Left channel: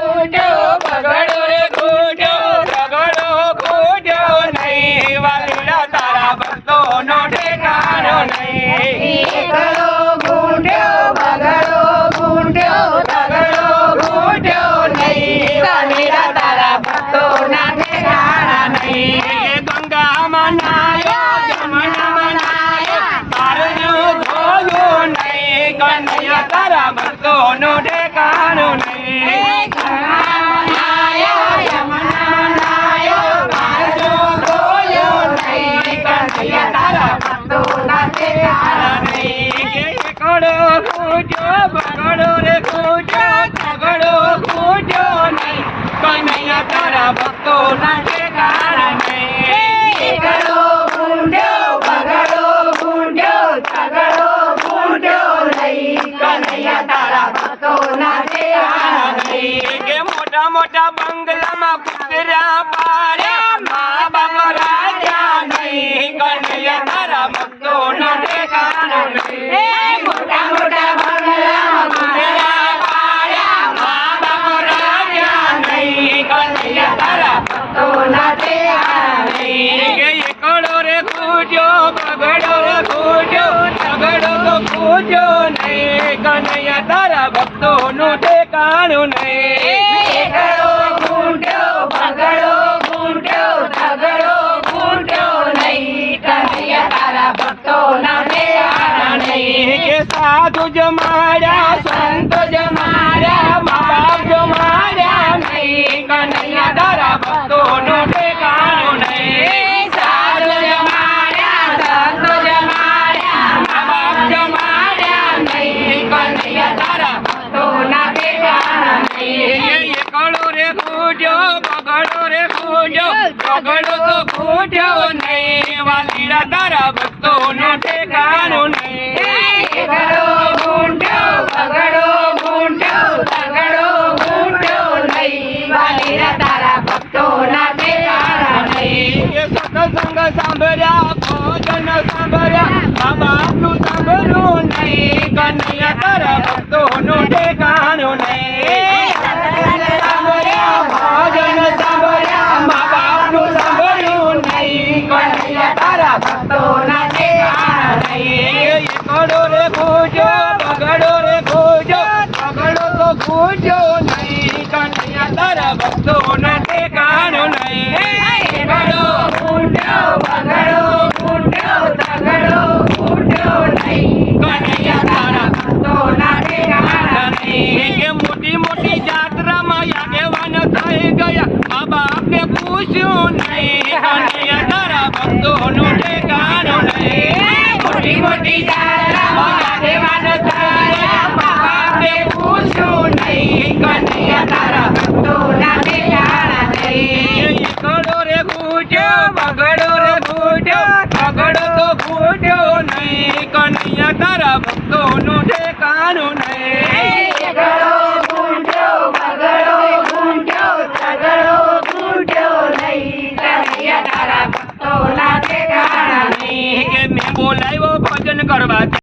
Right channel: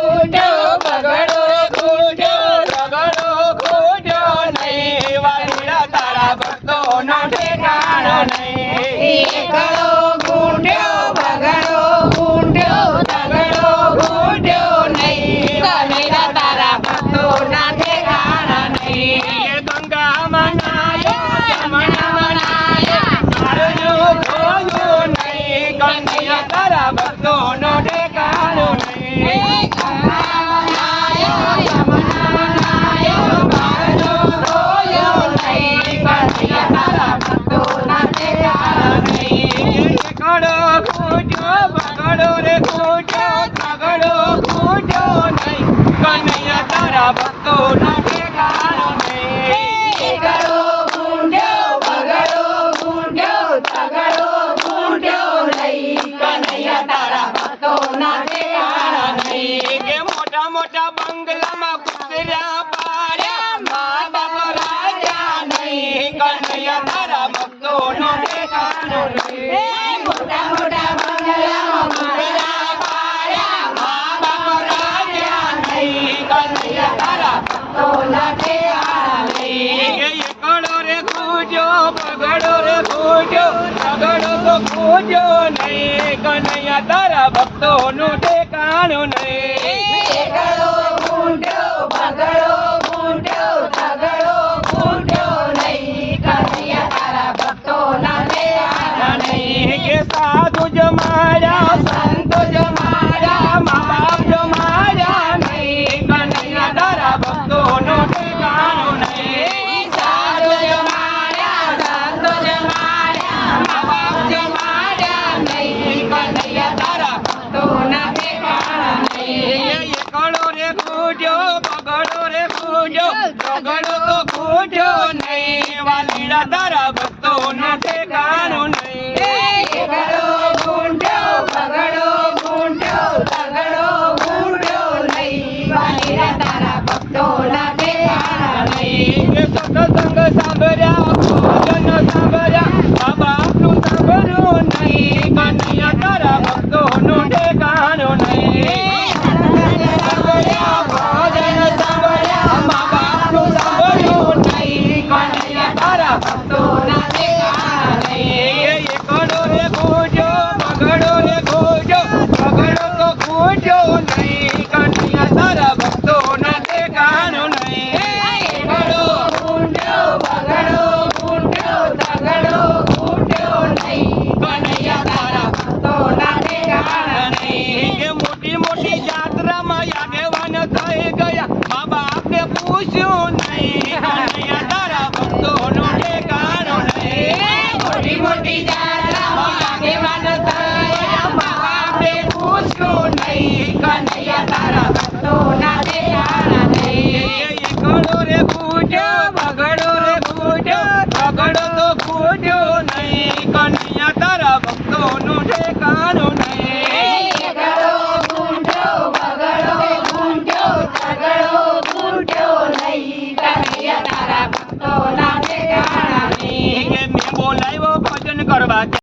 ખૂટ્યો બગડો એકડો ખૂટ્યો બગડો રે ખૂટ્યો ઝઘડો ખૂટ્યો નહીં કનૈયા તારા ભક્તોના ઠેકાણા નહીં કે મોટા મોટા બંગલામાં કુતરા પાડ્યા મા બાપ રાજા નહીં કનૈયા બગડો રે ખૂટ્યો ઝઘડો તો ખૂટ્યો નહીં કનૈયા તારા ભક્તોનો ઠેકાણો નહીં. ખૂટ્યો બગડો રે ખૂટ્યો બગડો તો ખૂટ્યો નહીં વાલીડા તારા ભક્તોનો ઠેકાણો નહીં ખૂટ્યો, બગડો ખૂટ્યો, તગડો ખૂટ્યો નહીં. વાલીડા તારા ભક્તોના ઠેકાણા નહીં. કે સત્સંગ સાંભળ્યા ભજન સાંભળ્યા મા સાંભળ્યું નહીં કનૈયા તારા ભક્તોનો ઠેકાણો નહીં સાંભળ્યા ભજન સાંભળ્યા મા બાપનું સાંભળ્યું નહીં કનૈયા તારા ભક્તોના ઠેકાણા નહીં. એકડો રે ખૂટ્યો બગડો રે ખૂટ્યો બગડો તો ખૂટ્યો નહીં કનૈયા તારા ભક્તોનો ઠેકાણો નહીં એકડો ખૂટ્યો, બગડો ખૂટ્યો, તગડો ખૂટ્યો નહીં. કનૈયા તારા ભક્તોના ઠેકાણા નહીં. કે મોટી મોટી જાત્રામાં આગેવાન થઈ ગયા મા પૂછ્યું નહીં કનૈયા તારા ભક્તોનો ઠેકાણો મોટી મોટી કનૈયા તારા ભક્તોના ઠેકાણા નહીં. એકડો રે ખૂટ્યો બગડો રે ખૂટ્યો બગડો તારા ઠેકાણો નહીં. કનૈયા